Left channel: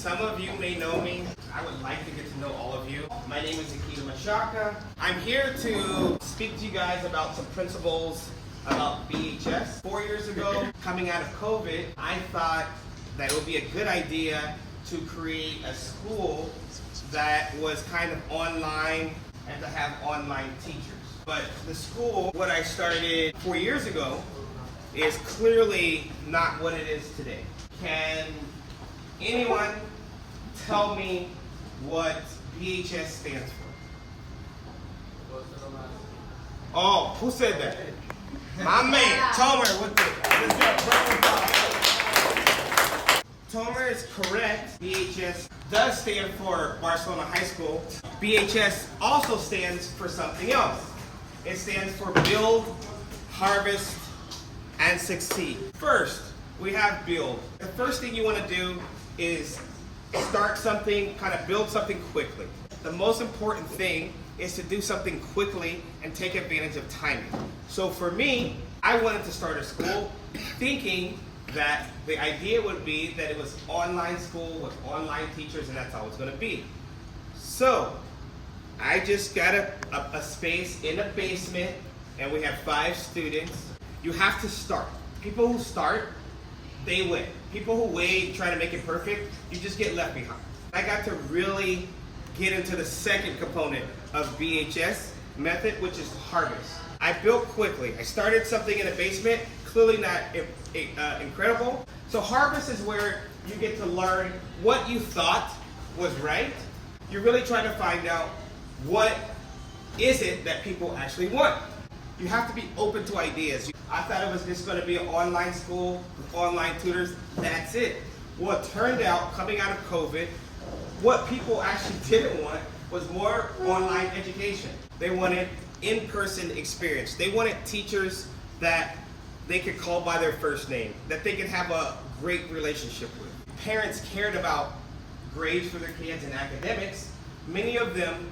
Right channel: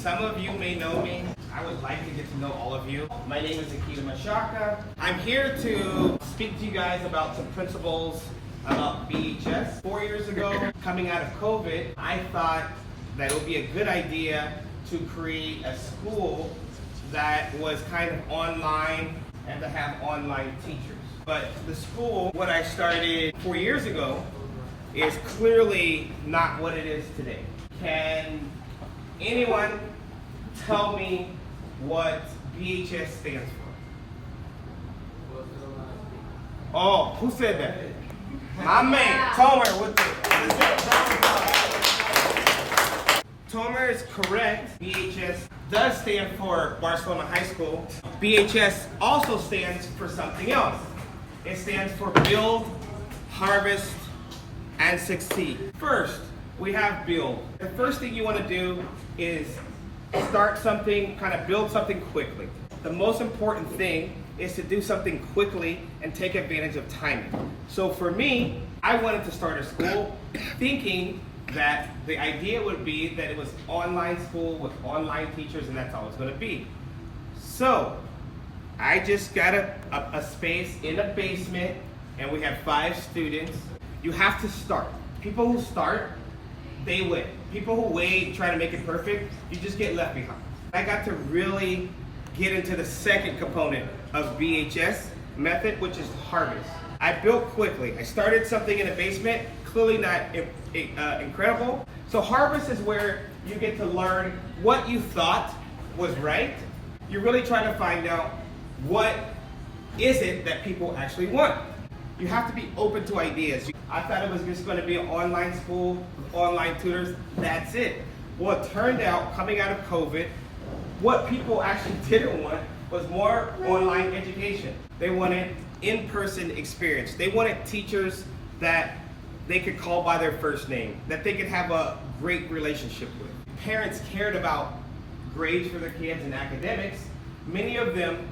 Some of you may know me. I would like to get to know all of you. My name is Akida Mashaka. I'm here to speak to you guys about some principles about BHS. 4 years ago, coming out of COVID, I thought that it would be a good idea to create a school that was kind of online and to have online teachers. But the school, what I started 4 years ago, is clearly not what it is today. Can anyone tell me what BHS stands for? Oh, who said that? My man, Tomer, what is it? Tomer is correct. BHS does stand for Barcelona High School. BHS also stands for something else. It stands for Build, Harvest, and Succeed. First, we have build. The first thing you want to do is start something, kind of build something quickly. The most important thing is to do something quickly and take advantage of timing. So for me, I wanted to start a school thinking that the idea would be that it was online school with online teachers and that's all it's going to be. So I just got a space in a basement and we have 5 students. You have to start. People who start, they win. People who wait, try to make it perfect, you just get left behind. I got to really get into the second component of BHS method, which is harvest. I built quickly. I started something in a basement, clearly not incredible. So harvest is where you get to learn what you thought was right. You're really trying to find out what is it that people actually want. You have to be open to ideas. I thought it was just going to be an online school with online tutors. That's it. Well, it turned out, coming out of COVID, what people actually didn't want was more online education. They wanted in-person experience. They wanted teachers that they could call by their first name, that they could have a great relationship with. Parents cared about grades for their kids and academics. Many of them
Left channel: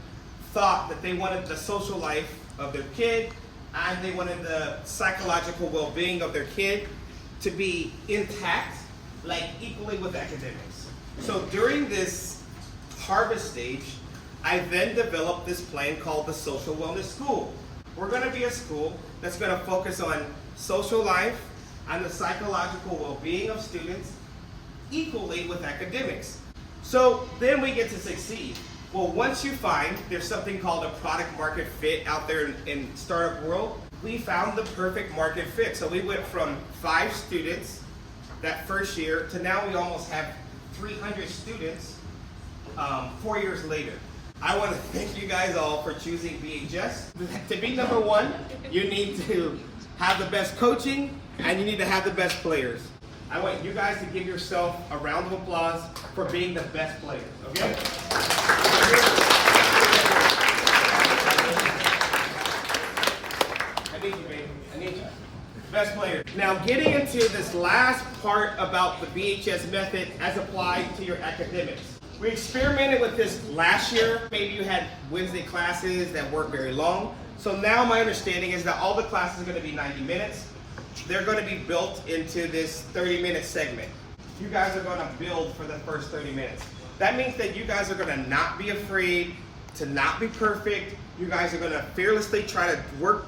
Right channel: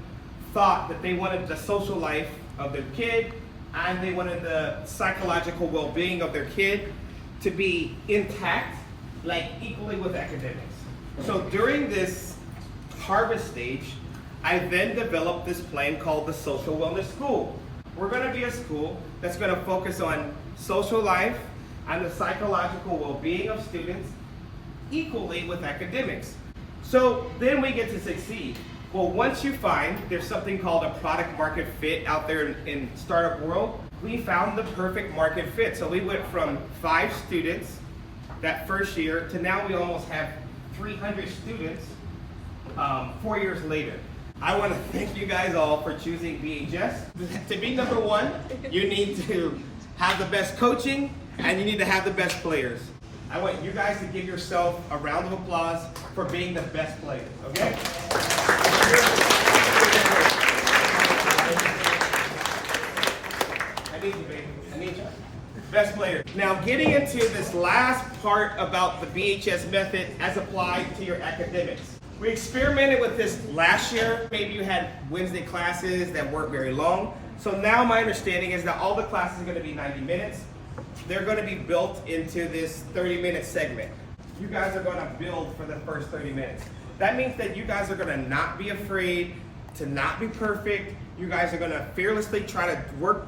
thought that they wanted the social life of their kid and they wanted the psychological well-being of their kid to be intact, like equally with academics. So during this harvest stage, I then developed this plan called the Social Wellness School. We're going to be a school that's going to focus on social life and the psychological well-being of students equally with academics. So then we get to succeed. Well, once you find there's something called a product market fit out there in startup world, we found the perfect market fit. So we went from 5 students that first year to now we almost have 300 students 4 years later. I want to thank you guys all for choosing BHS. To be number 1, you need to have the best coaching and you need to have the best players. I want you guys to give yourself a round of applause for being the best players, okay? I need you, baby. I need you. Best player. Now, getting into this last part about the BHS method as applied to your academics. We experimented with this last year. Maybe you had Wednesday classes that weren't very long. So now my understanding is that all the classes are going to be 90 minutes. They're going to be built into this 30-minute segment. You guys are going to build for the first 30 minutes. That means that you guys are going to not be afraid to not be perfect. You guys are going to fearlessly try to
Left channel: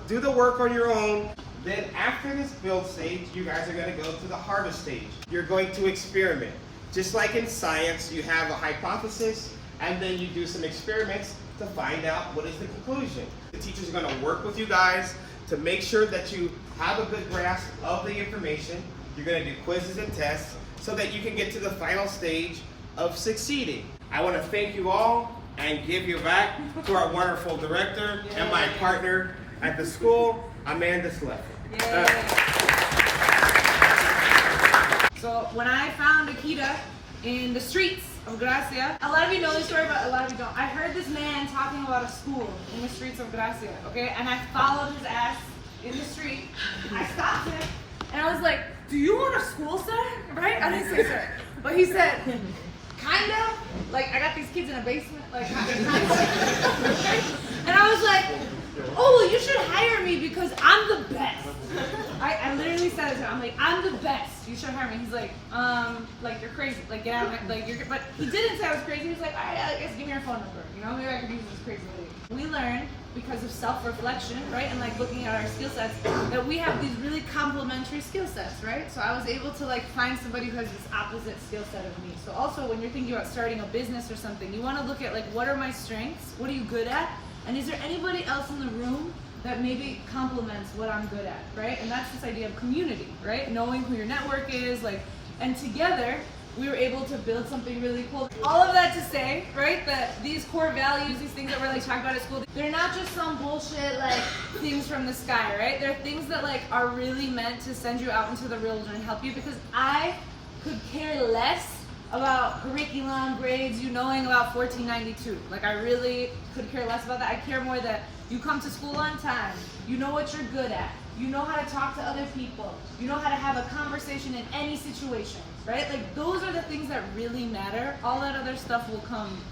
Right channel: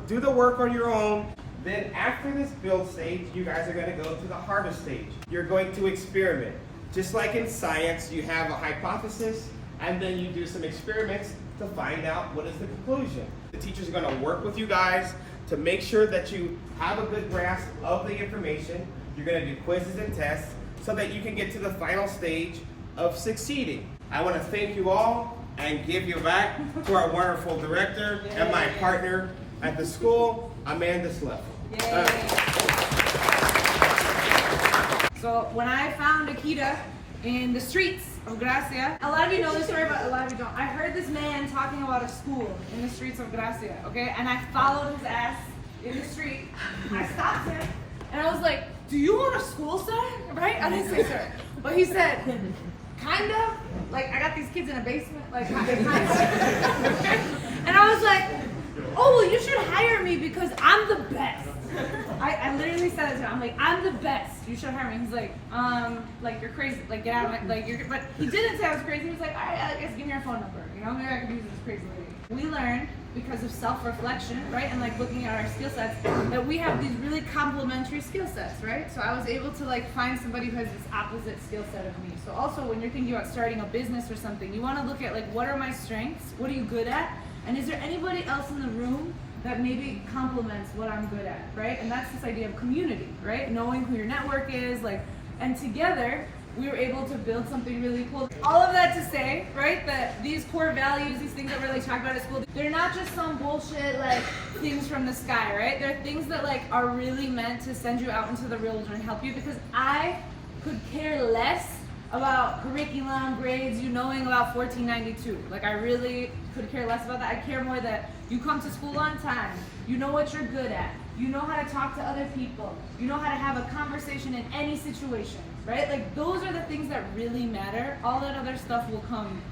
do the work on your own. Then after this build stage, you guys are going to go to the harvest stage. You're going to experiment. Just like in science, you have a hypothesis and then you do some experiments to find out what is the conclusion. The teachers are going to work with you guys to make sure that you have a good grasp of the information. You're going to do quizzes and tests so that you can get to the final stage of succeeding. I want to thank you all and give you back to our wonderful director and my partner at the school, Amanda Slefo. So when I found Akida in the streets of Gracia, a lot of you know this story, but a lot of you don't. I heard this man talking about a school in the streets of Gracia, okay? And I followed his ass in the street. I stopped him, and I was like, do you want a school, sir? Right? I didn't say sir. But he said, kind of. Like, I got these kids in a basement. Like, kind of. And I was like, oh, well, you should hire me because I'm the best. I literally said it to him. I'm like, I'm the best. You should hire me. He's like you're crazy. Like, get out of my, like, you're, but he didn't say I was crazy. He was like, all right, I guess give me your phone number. You know, maybe I could use this crazy lady. We learned because of self-reflection, right? And like looking at our skill sets, that we have these really complementary skill sets, right? So I was able to like find somebody who has this opposite skill set of me. So also when you're thinking about starting a business or something, you want to look at like, what are my strengths? What are you good at? And is there anybody else in the room that maybe complements what I'm good at, right? And that's this idea of community, right? Knowing who your network is, like, and together we were able to build something really cool. All of that to say, right, that these core values, these things that we're like talking about at school, they're not just some bullshit like things from the sky, right? They're things that like are really meant to send you out into the real world and help you, because I could care less about curriculum, grades, you knowing about 1492. Like, I really could care less about that. I care more that you come to school on time, you know what you're good at, you know how to talk to other people, you know how to have a conversation in any situation, right? Like, those are the things that really matter. All that other stuff will come.